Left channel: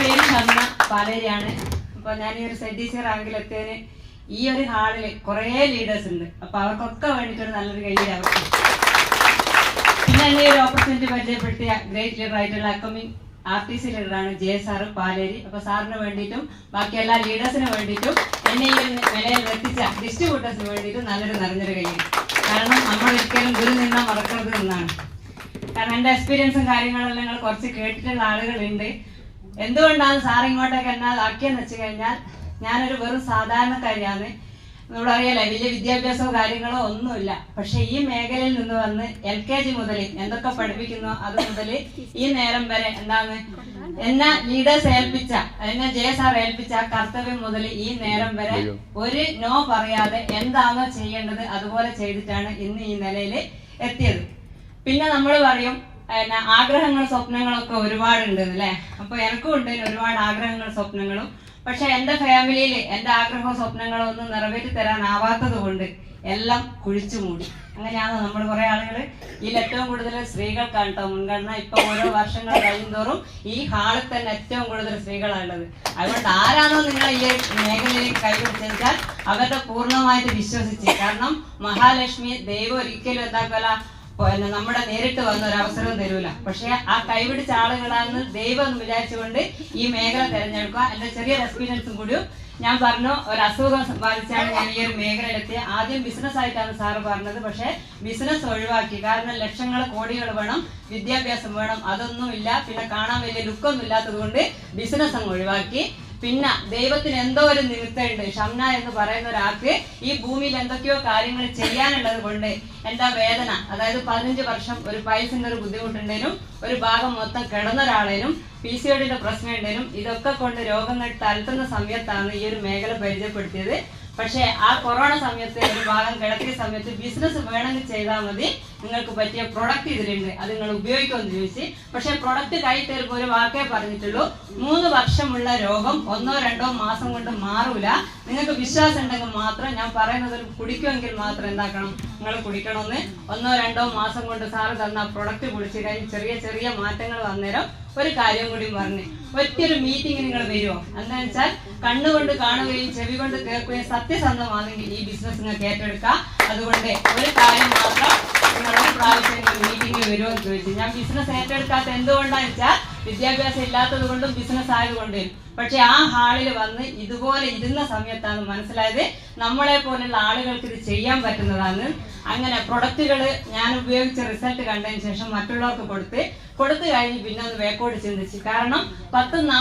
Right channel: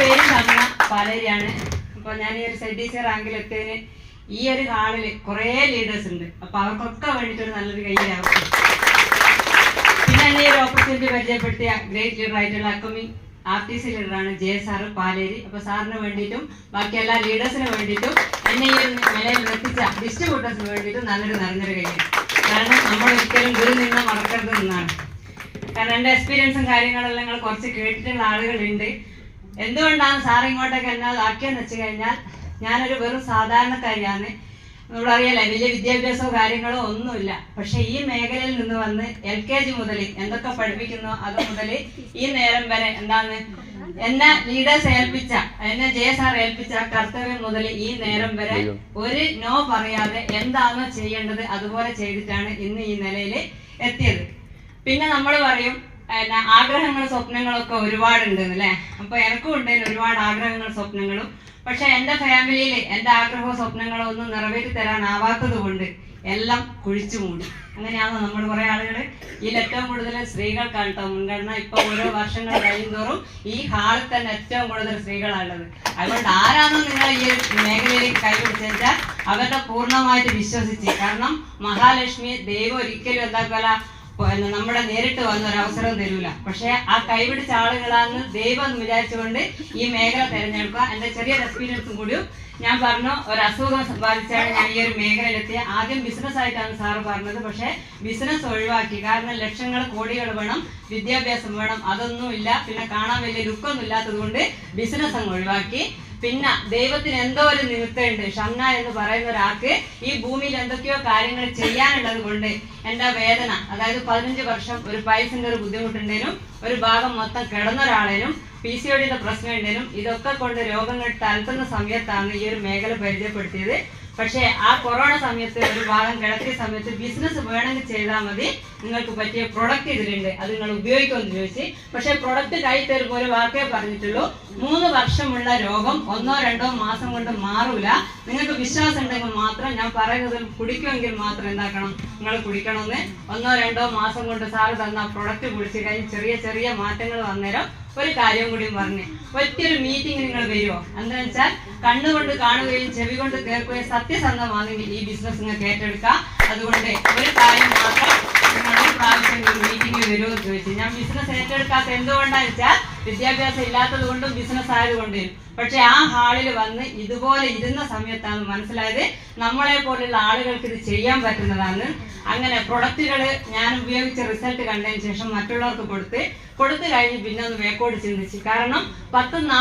പേര് ഷംന പാലേരിയാണ്. അപ്പൊ ഞാൻ ഈ ഒരു ZDC റാങ്കിലെത്തിയതിന് ഈ ഒരു ഹാളില് കുറെ ലീഡേഴ്സ് ഉണ്ട്. അപ്പൊ അവർക്കൊക്കെ വേണ്ടിയിട്ടൊരു നല്ലൊരു കയ്യിലാവും. പിന്നെ എന്നെ ഈ ഒരു ഓപ്പർച്യൂണിറ്റി പരിചയപ്പെടുത്തിയ ഗ്രേറ്റ് ലീഡർ ആയിട്ടുള്ള അക്കമിങ് RTC ലീഡറാണ് സാറ് പാലേരി. അപ്പൊ സാറിന് വേണ്ടിയിട്ടും ബാക്കി എല്ലാ ലീഡേഴ്സിന് വേണ്ടിയിട്ടും എന്നെ ഈ ഒരു നിലയിൽ എത്തിച്ച ഡിസ്ട്രിബ്യൂട്ടേഴ്സിന് വേണ്ടിയിട്ടും നല്ലൊരു നിറഞ്ഞൊരു കയ്യാണ്. കാരണം നമ്മൾ ഒരിക്കലും ഗുരു നിന്ന മറക്കരുത് എന്നാണ്. കാരണം എൻ്റെ എക്സ്പീരിയൻസും കാര്യങ്ങളെല്ലാം നിങ്ങൾ കുറച്ച് കേട്ടിട്ടുള്ള ആളുകളുണ്ട്. എന്തുകൊണ്ടാണ് സാർ ഇങ്ങോട്ടൊക്കെ എന്നെ ആക്കിയെന്ന് വെച്ച് കഴിഞ്ഞാൽ ഞാനൊരു വെറും സാധാരണക്കാരിയാണ്. നമ്മളറിയാലേ വലിയ വിദ്യാഭ്യാസവും കാര്യങ്ങളോ ഒന്നുമില്ല. പക്ഷെ ഈ മേഖലയിൽ നിന്ന് വന്ന് LKG മുതൽ എന്തൊക്കെ പഠിപ്പിക്കുന്നോ അത് മുതൽ ഈ നേരം വരെ എന്താണ് എന്നെ ലീഡേഴ്സ് ഏൽപ്പിച്ച എന്നെ സാർ ഏൽപ്പിച്ച കർത്തവ്യം മുതൽ ഈ നേരം വരെ ഒരു നോ പറയാതെ എന്താണോ ചെയ്യേണ്ടത് അതുപോലെ ചെയ്തിട്ടാണ് ഇന്ന് ഈ നിലയിൽ എത്തിയത്. പിന്നെ നമ്മൾ പറയും ആഗ്രഹങ്ങളും സ്വപ്നങ്ങളൊക്കെ ഒരുപാടുണ്ട് അല്ലേ. അപ്പൊ എനിക്കും ഉണ്ടായിരുന്നു ഒരുപാട് ആഗ്രഹങ്ങളും സ്വപ്നങ്ങളും. പക്ഷെ എന്റെ ഫാമിലിയിൽ എന്റെ ആഗ്രഹവും സ്വപ്നങ്ങളും ഒന്നും നിറവേറ്റി തരാനാവാത്തത് കൊണ്ട് എല്ലാം കുഴിച്ചു മൂടി. അങ്ങനെയാണോ നമ്മൾ കുറെ ആളുകൾ ഇതിൽ ഏറ്റവും കൂടുതൽ സ്ത്രീകൾക്കാണ് കേട്ടോ മുൻഗണന. ഇപ്പൊ ഓരോ വർഷങ്ങൾ കഴിയുന്തോറും ഈ ഹാളിൽ തന്നെ ഏറ്റവും കൂടുതൽ സ്ത്രീകളാണുള്ളത്. അതുകൊണ്ട് ആരാണോ നിങ്ങൾ ഈ മേഖലയിൽ കൈപിടിച്ചാൽ അവരുടെ പൂർണ്ണമായിട്ട് വിശ്വസിച്ച്, കാരണം മഹാലക്ഷ്മി ദൈവം ഒരിക്കലും എന്താക്കല നമ്മുടെ നേരിട്ട് വന്ന ഒരു അവസരവും തരൂല. പക്ഷെ ആ കൈപിടിച്ച ആളുകളാണെന്ന് ദൈവം എന്ന് വിചാരിച്ചുകൊണ്ട് ഈ മേഖല തിരഞ്ഞെടുക്കുക. എന്റെ ചെറിയൊരു എക്സ്പീരിയൻസും കൂടിയും ഞാൻ പറഞ്ഞു. ഒരു അസുഖം ബാധിച്ചാണ് ഞാൻ ഈ ഒരു മേഖലയിലെത്തിയ. ആദ്യം ബിസിനസ് ആയിട്ടാണ് സാറ് പറഞ്ഞത്. പക്ഷെ ബിസിനസ് ഒഴിവാക്കി. കാരണം ലക്ഷങ്ങൾ കോടികൾ വേണം, വിദ്യാഭ്യാസം വേണം, അതൊന്നും ഇല്ല. പിന്നെ കാണാൻ വലിയ ലുക്കൊന്നും ഇല്ലാത്തത് കൊണ്ട് ബിസിനസ് അങ്ങ് ഒഴിവാക്കി. പിന്നെ ദൈവത്തിന് എന്തോ ഒരു നിമിത്തമുണ്ട്. ഷംന എന്ന് പറയുന്ന ഒരാൾക്ക് ഈ ഭൂമിയിൽ എന്തൊക്കെയോ കാര്യങ്ങൾ ചെയ്യാനുള്ളത് കൊണ്ട് എന്റെ വേദന, അതായത് 15 വർഷം ഒരു പൈസന്റെ ഒരു ബുദ്ധിമുട്ടുണ്ടേനും ഒരു ഭാഗം മൊത്തം കിടന്ന ഒരാളേനും PCOD പ്രശ്നം ഉണ്ടേനും ഇതൊക്കെ കൊണ്ട് രോഗങ്ങൾ തലത്തുന്ന സമയത്താണ് ഈ ഒരു മേഖല പരിചയപ്പെടുത്തിയത്. പക്ഷെ ആ കൊറോണ സമയത്ത് ഒരു ഭാഗം കിടക്കിയ സമയത്ത് ബിസിനസ് വേണമെങ്കിൽ ചെയ്താൽ മതി, നിങ്ങൾക്ക് പറ്റിയ പ്രൊഡക്റ്റ് ഇതിലുണ്ട്, അത് നിങ്ങൾ ഉപയോഗിക്കുമെന്ന് ചോദിച്ചു. പക്ഷെ പ്രൊഡക്റ്റ് കൈ തരുമ്പോൾ ഒരു വാക്കേ പറഞ്ഞിട്ടുള്ളൂ, 3 വർഷമുള്ള രോഗം 1-2 മാസം കൊണ്ട് മാറൂല. നിങ്ങൾക്ക് വിശ്വാസം ഉണ്ടെങ്കിൽ മാത്രം, ഞാൻ പറയുന്നത് കുടിക്കുമെങ്കിൽ മാത്രം എന്താക്കണം, നിങ്ങൾ കുടിക്കണമെന്ന്. 1-2 മാസം കൊണ്ട് സാറ് തന്ന പ്രൊഡക്റ്റ് കുടിച്ച് കഴിഞ്ഞ് ചെറിയ ചെറിയ മാറ്റങ്ങൾ വന്നേരം ഒരു കാര്യം കൂടി പറഞ്ഞു. ഒറ്റൊരു മീറ്റിംഗ് നിങ്ങൾ വരുമോ? എന്താണെന്ന് വെച്ചാൽ കണ്ണുകൊണ്ട് കാണുകയും ചെവി കൊണ്ട് കേൾക്കുകയും സത്യസന്ധമാണെങ്കിൽ ഈ ബിസിനസ് നിങ്ങൾക്ക് ഏറ്റെടുക്കാം. അതുകൊണ്ട് ഒരു കാര്യം മാത്രം, നിങ്ങൾ ഒരു പ്രാവശ്യം മീറ്റിംഗ് വരുമോ എന്ന് ചോദിച്ചു. ഞാൻ ബിസിനസ് ഏറ്റെടുക്കാത്ത എന്തുകൊണ്ടാന്ന് വെച്ചാൽ വിദ്യാഭ്യാസം ഇല്ലാത്തത് കൊണ്ടും ബിസിനസ് ആയതുകൊണ്ടും. പക്ഷെ ആ ഹാളിൽ വന്ന് ഇതുപോലെ ഇരുന്ന സമയത്താണ് മനസ്സിലായത് നമ്മളെ പോലുള്ള ആളുകൾക്ക് ഇത് ചെയ്യാൻ പറ്റുന്നതാണ്. അങ്ങനെ പ്രൊഡക്റ്റുകൾ ഞാൻ ഉപയോഗിച്ച റിസൾട്ട് കണ്ടതിന് ശേഷം മറ്റുള്ളവർക്ക് കൊടുത്ത് കഴിഞ്ഞ് പിന്നെ ഒന്ന് വേക്കോട് ചിന്തിച്ചു. കാരണം 10-40